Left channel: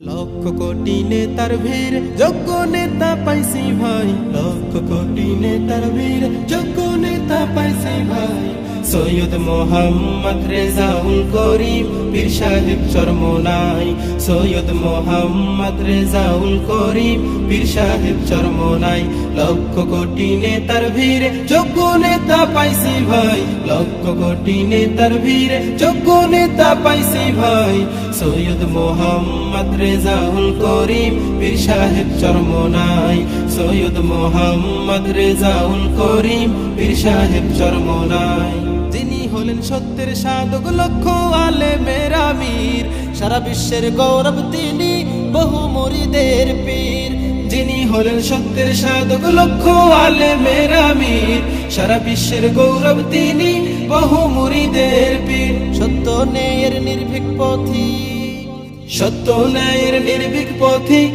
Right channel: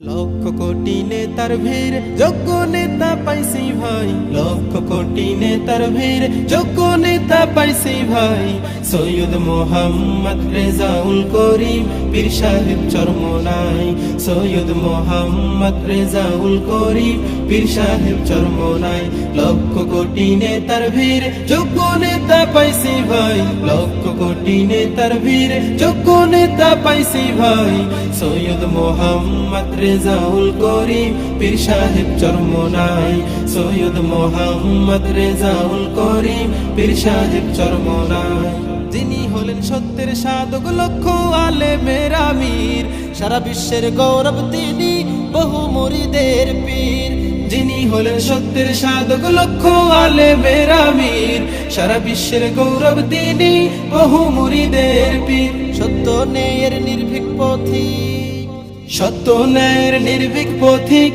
লক্ষ কোটি নেতার ভিড় যোগ্য নেতা পাইছি ভাই, লক্ষ কোটি নেতার ভিড় যোগ্য নেতা পাইছি ভাই। সৈয়দ মোহাম্মদ রেজাউল করিম পীর সাহেব চরমোনাই, সৈয়দ মোহাম্মদ রেজাউল করিম পীর সাহেব চরমোনাই। লক্ষ কোটি নেতার ভিড় যোগ্য নেতা পাইছি ভাই, লক্ষ কোটি নেতার ভিড় যোগ্য নেতা পাইছি ভাই। সৈয়দ মোহাম্মদ রেজাউল করিম পীর সাহেব চরমোনাই, সৈয়দ মোহাম্মদ রেজাউল করিম পীর সাহেব চরমোনাই। যিনি হলেন সত্যের সাধক লক্ষ আলেমের আমির, সারা বিশ্বের গৌরব তিনি বহু মুরিদের পীর। যিনি হলেন সত্যের সাধক লক্ষ আলেমের আমির, সারা বিশ্বের গৌরব তিনি বহু মুরিদের পীর। সত্য ন্যায়ের নির্ভীক পথিক, সত্য ন্যায়ের নির্ভীক পথিক।